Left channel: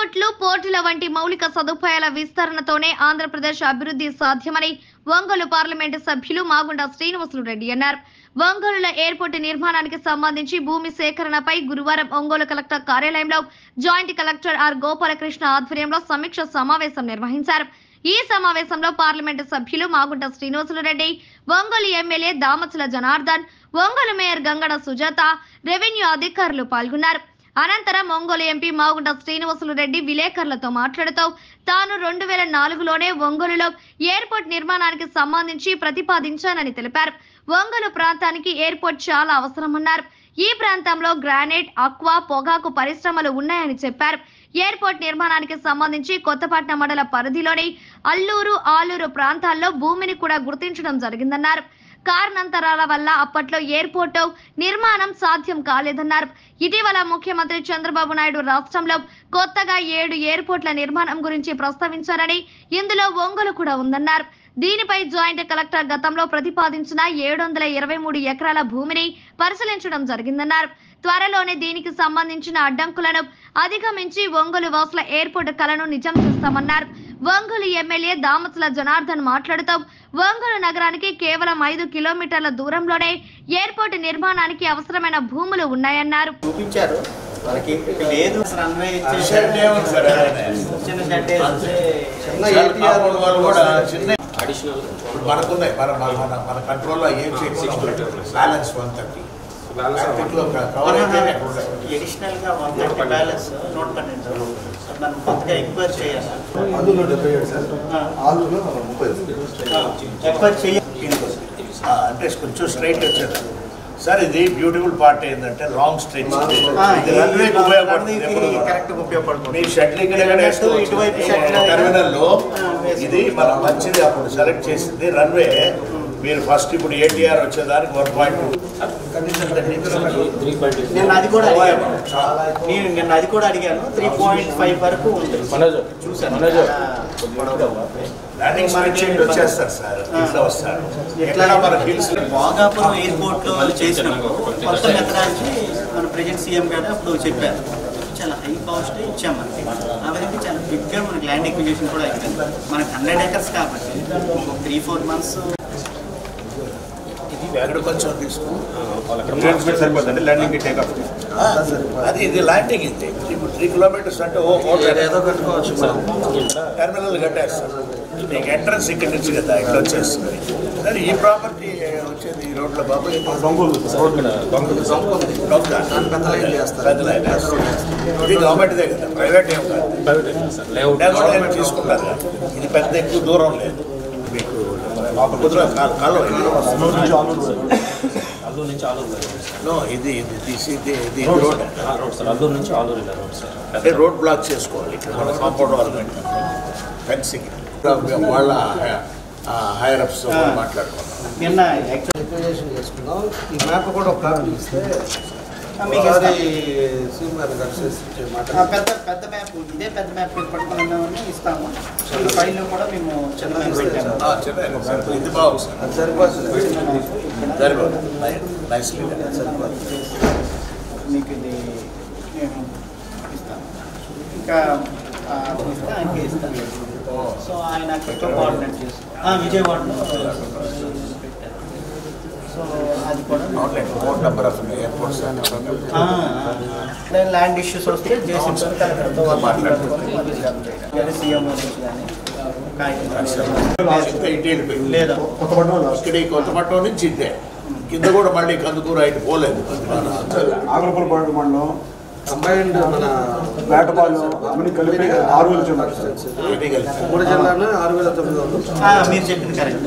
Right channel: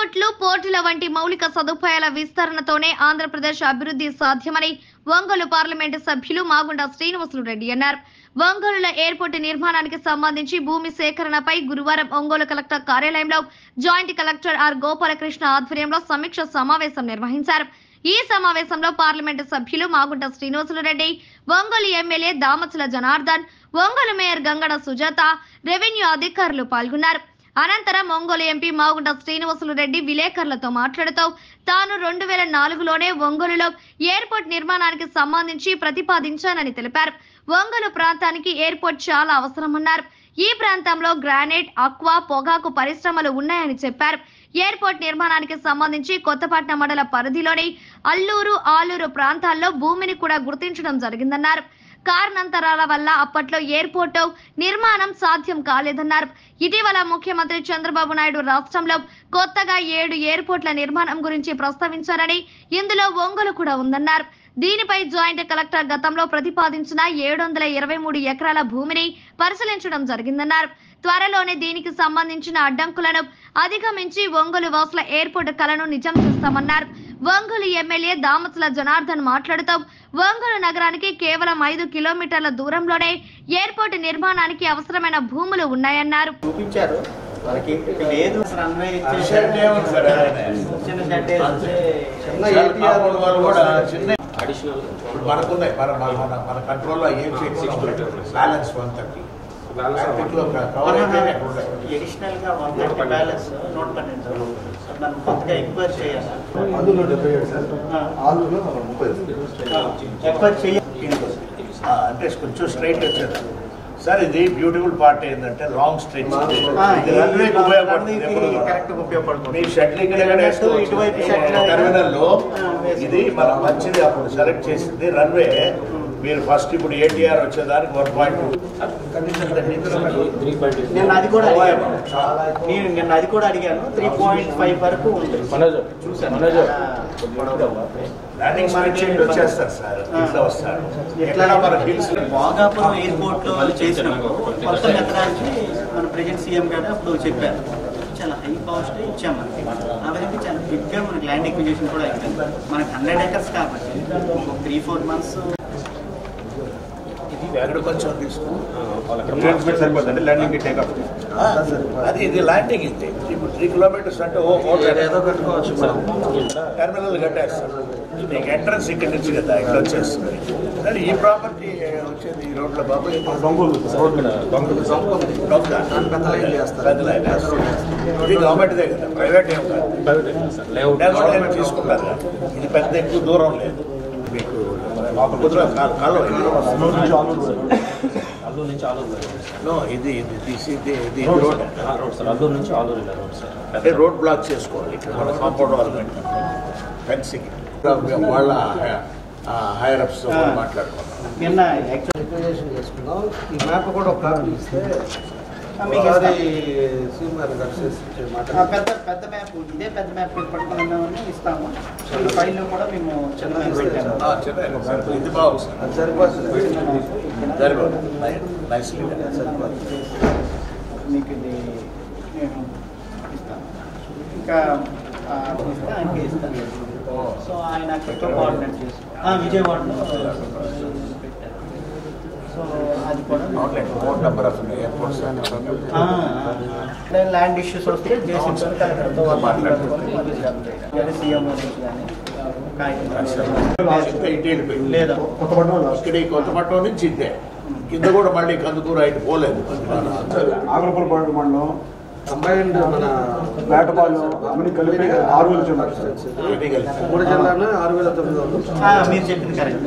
ఎయిర్పోర్ట్లు, పోర్టుల వంటి మౌలిక సదుపాయాల విస్తరణతోనే ఆంధ్రప్రదేశ్ అభివృద్ధి సాధ్యమని ఒంగోలు పార్లమెంటు సభ్యులు మాగుంట శ్రీనివాసులు రెడ్డి అన్నారు. ఒంగోలులో ఎయిర్పోర్టు నిర్మాణానికి సంబంధించి భూమి సేకరణపై గురువారం ఒంగోలు కలెక్టర్ కార్యాలయంలో జాయింట్ కలెక్టర్ ఆర్ గోపాలకృష్ణ ఆధ్వర్యంలో సమీక్ష సమావేశం నిర్వహించారు. ఈ సమావేశంలో పార్లమెంటు సభ్యులు Magunta Srinivasulu Reddy, Ongole MLA Damacharla Janardhan, Ongole mayor Gangada Sujatha, revenue అధికారులు పాల్గొన్నారు. అనంతరం ఒంగోలు ఎంపీ మాగుంట శ్రీనివాసులు రెడ్డి విలేకరులతో మాట్లాడుతూ తాను 2004లోనే ఒంగోలులో ఎయిర్పోర్ట్ నిర్మాణానికి సంబంధించి ప్రతిపాదించానని తెలిపారు. ఒంగోలు ప్రాంతానికి ఎయిర్పోర్ట్ చాలా అవసరమన్నారు. ఈ ప్రాంతంలో గ్రానైట్, అక్వా, పొగాకు పరిశ్రమలు ఉన్నాయని చెప్పారు. ఎయిర్పోర్ట్ నిర్మాణానికి సంబంధించి కొత్తపట్నం మండల పరిధిలోని అల్లూరు, ఆలూరు ప్రాంతాల్లో భూమిని కూడా గుర్తించడం జరిగిందన్నారు. కారణాంతరాల వల్ల అప్పట్లో ఎయిర్పోర్టు నిర్మాణం సాధ్యం కాలేదన్నారు. ఇటీవల ముఖ్యమంత్రి చంద్రబాబు నాయుడు రాష్ట్రంలో కొత్తగా 7 ఎయిర్పోర్ట్ల నిర్మాణం గురించి ప్రస్తావించారని, ఇందులో ఒంగోలు కూడా ఉందన్నారు. దీనిపై జాయింట్ కలెక్టర్ గతంలో ప్రతిపాదించిన 723 ఎకరాల భూమిని పరిశీలించడం జరిగిందన్నారు. త్వరలోనే దీనికి సంబంధించిన అడ్డంకులను అధిగమించి ఒంగోలు వాసుల ఎయిర్పోర్టు కలను నిజం చేస్తామన్నారు. ఒంగోలు ఎమ్మెల్యే దామచల జనార్దన్ మాట్లాడుతూ ఒంగోలు నగరానికి కేవలం 5 కిలోమీటర్ల దూరంలోనే ఎయిర్పోర్టు నిర్మాణానికి అవసరమైన భూములు ఉన్నాయన్నారు. అంటే కొంచెం స్ట్రైట్ వచ్చారు సార్. ఇది బ్యూటిఫుల్ పార్ట్ ఏంటంటే లాంగ్ స్ట్రెచ్, మీ షటిల్ టెర్మినల్ లో ఇది మనం మంచిది అప్పుడు సెలెక్ట్ చేసింది రన్వే. మీరు ఫస్ట్ ఇప్పుడు ATR వచ్చేదానికి 1.2 నేను అది కూడా అడిగాను. 3.5 వరకు చూసాను. వచ్చేస్తారు సార్, ఇట్లా వస్తారు. ఎట్లా మన హిల్స్ భోగాపురం ఎయిర్పోర్ట్ లో చేసిన కొత్త మెథడాలజీ మన ప్రెజెంట్ సీఎం గారు అప్పుడు చెప్పారు. చాలా హై కాస్ట్ ఇచ్చాం మనకి. అవన్నీ చాలా బిగ్గా మనకి ల్యాండ్ ఎక్విజిషన్ కూడా అయిపోయింది. మనకి 100 acres కాబట్టి 3-4 months కొంచెం తీసుకుంటే ల్యాండింగ్ టేక్ ఆఫ్ అది ఇది ల్యాండింగ్ ఇది. ఇప్పుడు 3 కిలోమీటర్స్ అంటే ఏదో కట్టుకోవచ్చు. టెర్మినల్ కట్టేస్తారు. మీకు ఎంట్రన్స్ ఇక్కడ నుంచి కదా ఇక్కడ వచ్చేస్తుంది. కానీ ఈ ప్రాపర్టీ వచ్చేది ఈ రోడ్లో బాబు ఇది గవర్నమెంట్దే కదా, ప్రైవేట్ ఏం కాదు. తీసుకుంటారు. ఇది పెద్ద ఎక్కువ దూరం లేదు మీకు. అంటే రోడ్ బ్లాక్ చేసుకోవాలి. మన కాంపౌండ్ వాల్ ఫెన్సింగ్ వాళ్ళ హైయర్ అప్స్ మాట్లాడుకున్నాం. చేసుకున్నాం. ఈ మ్యాప్ కూడా ఒక కాపీ ఇస్తే పెద్ద మ్యాప్, ఇదే పెద్ద మ్యాప్ పట్టుకున్నామని ఇస్తాము. ఈ ఫైల్ కూడా మేము చిన్న ఇది బాగుంది సార్, అది సరిపోతుంది. మీకు ఇది మేము ఇస్తాము. ఇంకా ఆయనకి ఇస్తాను. సో ఆయన కోఆర్డినేట్ చేస్తాం విజయవాడలో. సో అది కూడా number of airports land issues వస్తే జేసీబీతో మాట్లాడుకొని సీఎం లేదా కొత్తపట్నం నుంచి ఇద్దే కింద కూడా మళ్ళీ కందుకూరు అయితే పోలేదు. ఆగ్రపురపాడు మండలం కంబైన్డ్ మన వేటపాలు అన్ని కలిపి 6,000 మూడు జిల్లాలో 6,900. మీరు చెప్పింది కరెక్ట్.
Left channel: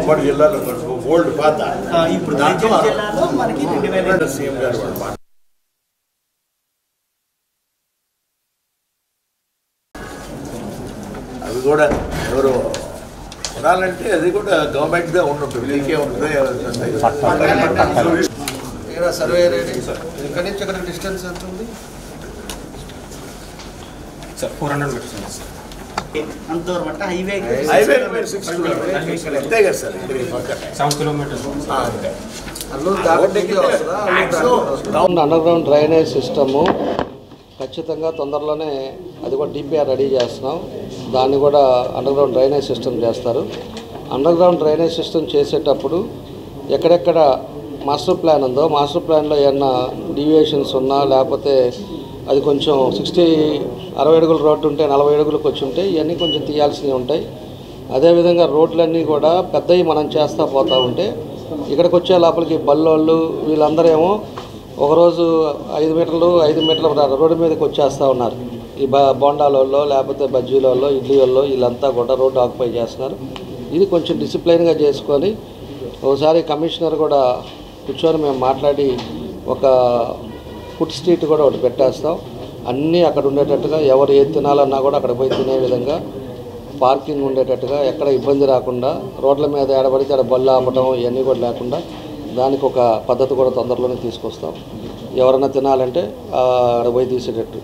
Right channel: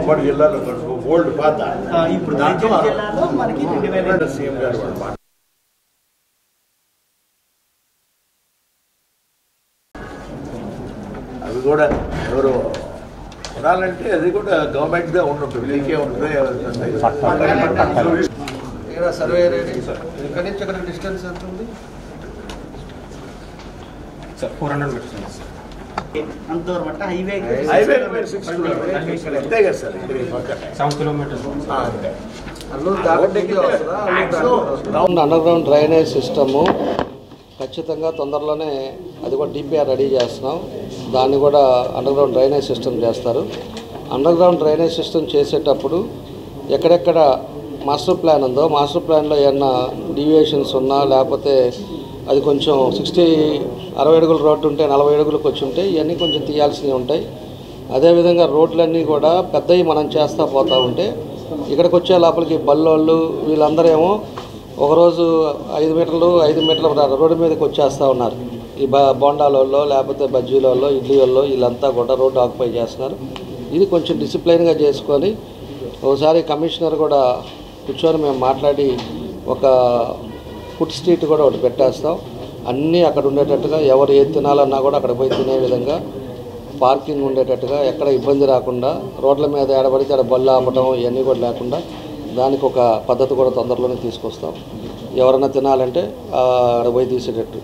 ఉమ్మడి జిల్లాలో ఓల్డ్ పాత. ఇప్పుడు జిల్లాలో మనకి 2,000 సీఎం గారు అవి కూడా ఎవరు కొనాలంటే అది కూడా గవర్నమెంట్దే ఉంటుంది. మీకే ఉంటుంది. సర్వే ఇక్కడి నుంచి ఇక్కడ డిస్టెన్స్ ఎంత ఉంది సార్? 400 మీటర్స్. అంతవరకు అంటే హైవే అంతే కదా sir. 7 kilometres. Under ground drainage system ఖచ్చితంగా తొందరలోనే అది కూడా డిపిఆర్ రెడీ చేస్తున్నాం. దాన్ని కూడా అండర్గ్రౌండ్ డ్రైనేజ్ సిస్టమ్ చేస్తారు. అండర్గ్రౌండ్ డ్రైనేజ్ సిస్టమ్ చేసేటప్పుడు ఎక్కడెక్కడ మాస్టర్ ప్లాన్ ఉందో మాస్టర్ ప్లాన్లో ఏమన్నా డీవియేషన్స్ ఉన్నా లేకపోతే అది కొంచెం 60 అడుగుల రోడ్డు ఉంటే 40 అడుగులకు వచ్చి ఉంటే ఇవన్నీ కొంచెం తీయాల్సినవి ఉంటాయి. అదేవిధంగా రోడ్లన్నీ కూడా పెద్దవి మనం చేస్తూ పోతూ ఉంటే ఇక్కడికి వచ్చే లోపలికి బల్లోళ్ళు వీళ్ళందరూ ఏమో ఒకరోజు 5 మీటర్ల రోడ్డు మీదకి వచ్చేస్తూ ఉన్నారు. ఈ బోండాలలో లేకపోతే బజ్జీలలో ఇడ్లీలలో వీళ్ళంతా కూడా రోడ్డు ఆక్యుపై చేస్తున్నారు. ఇది కొంచెం డిసిప్లైన్గా చేసుకొని ఒకసారి కమిషనర్ కూడా కూర్చొని మేము మాట్లాడి ఒక ఫుడ్ స్ట్రీట్ కూడా ఒకటి పెట్టేస్తాం. అన్నీ అక్కడ ఉండేటట్టుగా ఎవరు ఏది తినాలన్నా కూడా అక్కడ పోయి తినే విధంగా పార్కింగ్ ఉండేటట్టుగా ఎక్కడ ఇబ్బంది రాకుండా రోడ్ల మీద ఏడబడితే ఆడ బళ్ళు ఆపడం ఇవన్నీ కూడా లేకుండా దానికి ఒక పద్ధతి కూడా తొందరలోనే తీసుకొస్తాం. ఎవరైనా తినాలంటే అక్కడ పోయి తీసేటట్టు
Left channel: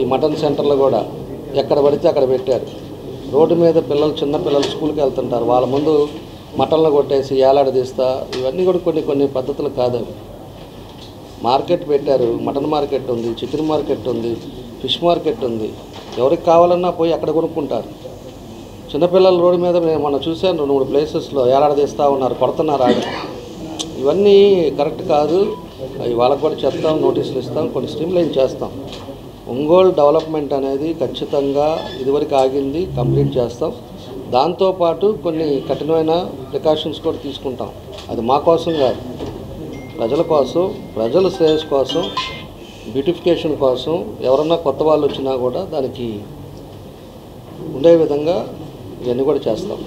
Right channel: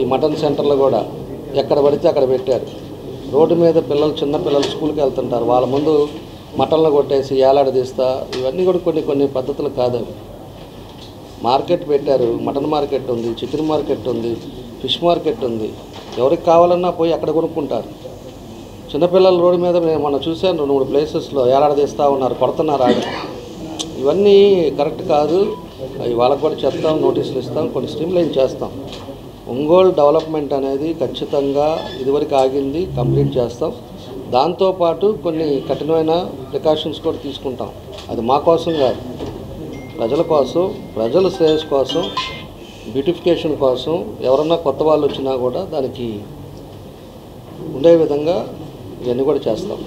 ఈ మటన్ సెంటర్లు కూడా ఎక్కడ పడితే అక్కడ పెట్టారు. రోడ్డు మీద చిన్న పిల్లలు స్కూల్కి వెళ్తుంటారు. వాళ్ళ ముందు మటన్లు కొట్టేసి ఏలాడదీస్తా ఇవన్నీ కూడా కొన్ని పద్ధతులు కాదు. మార్కెట్ పెట్టారు. మటన్ మార్కెట్ ఉంది, చికెన్ మార్కెట్ ఉంది, ఫిష్ మార్కెట్ ఉంది. ఎవరికి కావాలన్నా పోయి అక్కడ కొనుక్కుంటారు. చిన్నపిల్లలు రోడ్డు మీద మనం చూసాను 2-3 ప్లేసెస్లో ఏలాడదీస్తూ ఉన్నారు, కొడుతున్నారు ఆడ. ఇవన్నీ కరెక్ట్ కాదు. అవి వాళ్ళకు కూడా చెప్తాం, నోటీసులు ఇస్తాం, కొన్ని స్ట్రీమ్లైన్ చేస్తాం. ఒంగోలు డెవలప్మెంట్ అనేది ఖచ్చితంగా ఇదివరకు ఆగింది, కంప్లీట్ చేస్తాం. దాంతోపాటు కొన్ని కఠినమైన ప్రికాషన్స్ కూడా తీసుకుంటాం. అది మా కోసం కాదు, ప్రజల కోసం, ప్రజల శ్రేయస్ కోసం, బ్యూటిఫికేషన్ కోసం. ఎవరన్నా కొత్త వాళ్ళు వచ్చినా కూడా దానికి ఉండే విధంగా ఇవన్నీ కూడా చేస్తాం.